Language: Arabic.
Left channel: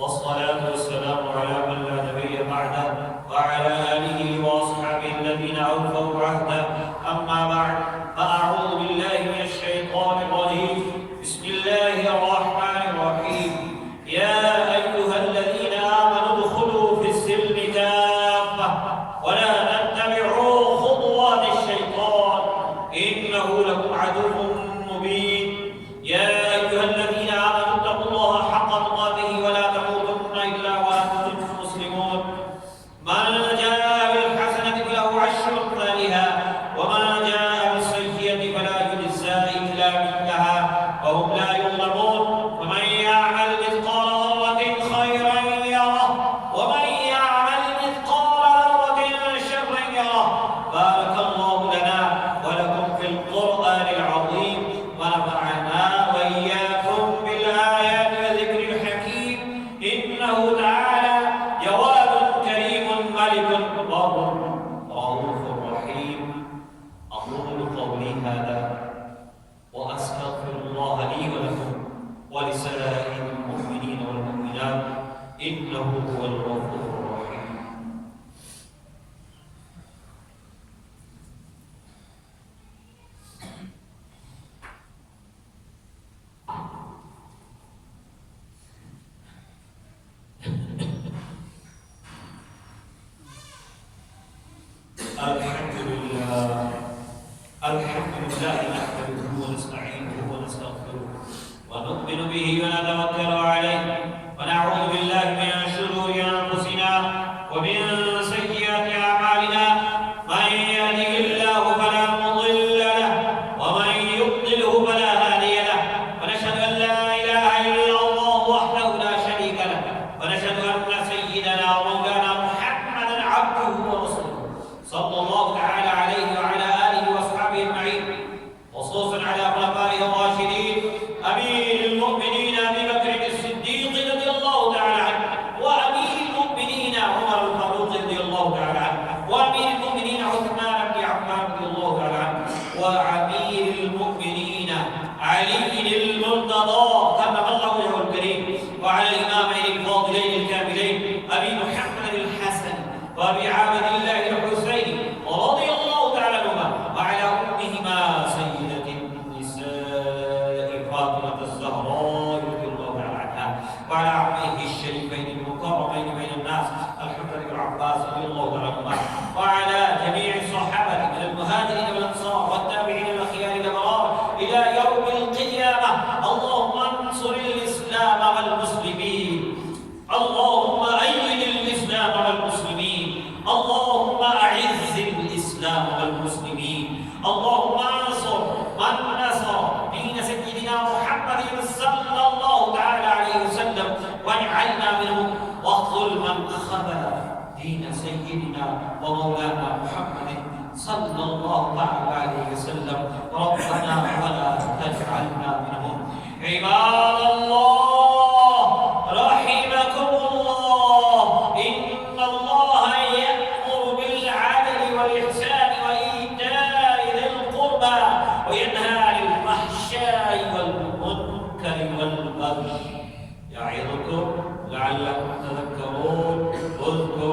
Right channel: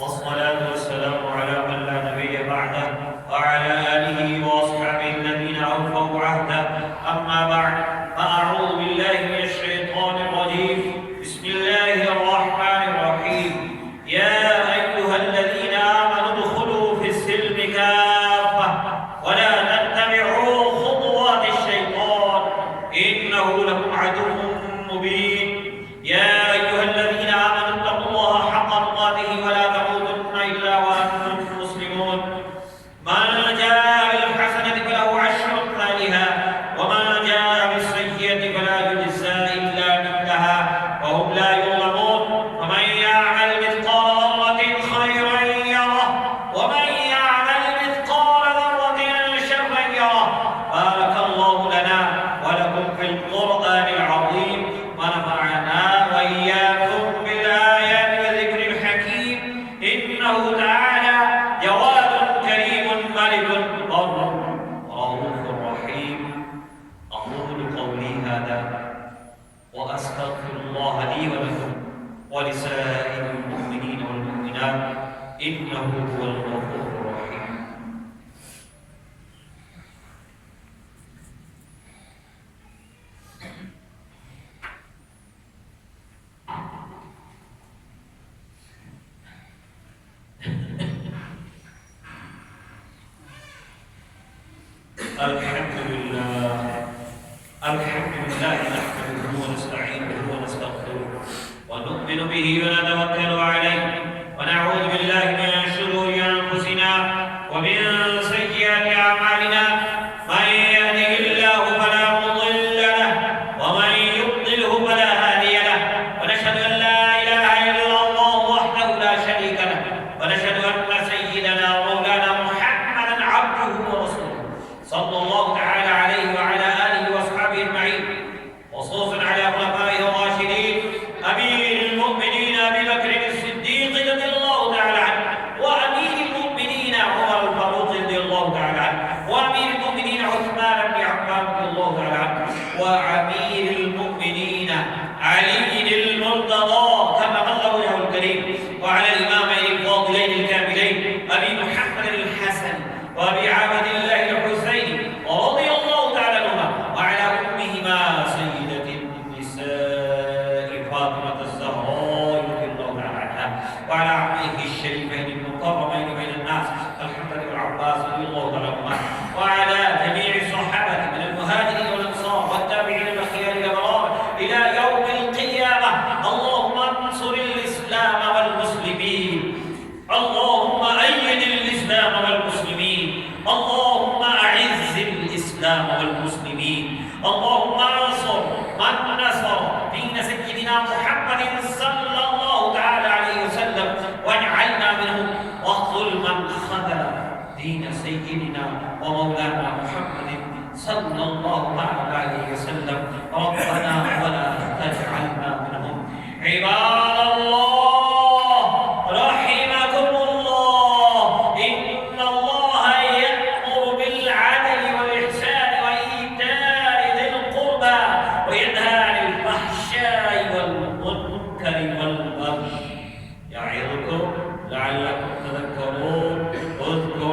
والصلاة والسلام على من لا نبي بعده وعلى آله وأصحابه الذين أوفوا عهده. أما بعد، فأعوذ بالله من الشيطان الرجيم. بسم الله الرحمن الرحيم. يا أيها الذين آمنوا ادخلوا في السلم كافة ولا تتبعوا خطوات الشيطان إنه لكم عدو مبين. يا أيها الذين آمنوا اتقوا الله حق تقاته ولا تموتن إلا وأنتم مسلمون. من جاء بالحسنة فله عشر أمثالها ومن جاء بالسيئة فلا يجزى إلا مثلها وهم لا يظلمون. ومن يعمل مثقال ذرة خيرا يره ومن يعمل مثقال ذرة شرا يره. بارك الله لنا ولكم في القرآن العظيم ونفعنا وإياكم بالآيات والذكر الحكيم. إنه تعالى جواد كريم ملك بر رؤوف رحيم. أقول قولي هذا وأستغفر الله لي ولكم ولسائر المؤمنين والمؤمنات إنه هو الغفور الرحيم. الحمد لله نحمده ونستعينه ونستغفره ونؤمن به ونتوكل عليه ونعوذ بالله من شرور أنفسنا ومن سيئات أعمالنا. من يهده الله فلا مضل له ومن يضلله فلا هادي له. ونشهد أن لا إله إلا الله وحده لا شريك له ونشهد أن سيدنا ومولانا محمدا عبده ورسوله صلى الله تعالى عليه وعلى آله وأصحابه أجمعين، خصوصا على خلفائه الراشدين أمير المؤمنين أبي بكر الصديق رضي الله تعالى عنه، وأمير المؤمنين عمر الفاروق رضي الله تعالى عنه، وأمير المؤمنين عثمان بن عفان رضي الله تعالى عنه، وأمير المؤمنين علي المرتضى كما الله وجهه الكريم، وعلى الإمامين الفاضلين الكاملين أبي محمد الحسن وأبي عبد الله الحسين ورضي الله تعالى عنهما، وعلى أمهما سيدة النساء فاطمة الزهراء رضي الله تعالى عنها، وعلى عمه الشريفين المكرمين بين الناس الحسن بن عباس رضي الله تعالى عنهما، وعلى جميع الصحابة من المهاجرين والأنصار والتابعين الأخيار الأبرار إلى يوم القيامة. اللهم انصر الإسلام والمسلمين، اللهم أيد الإسلام والمسلمين، اللهم أعز الإسلام والمسلمين، اللهم انصر من نصر دين سيدنا محمد صلى الله تعالى عليه وسلم واجعلنا منهم، واخذل من خذل دين سيدنا ومولانا محمد صلى الله تعالى عليه وسلم. ربنا ولا تجعلنا منهم. عباد الله رحمكم الله، إن الله يأمر بالعدل والإحسان وإيتاء ذي القربى وينهى عن الفحشاء والمنكر والبغي يعظكم لعلكم تذكرون. اذكروا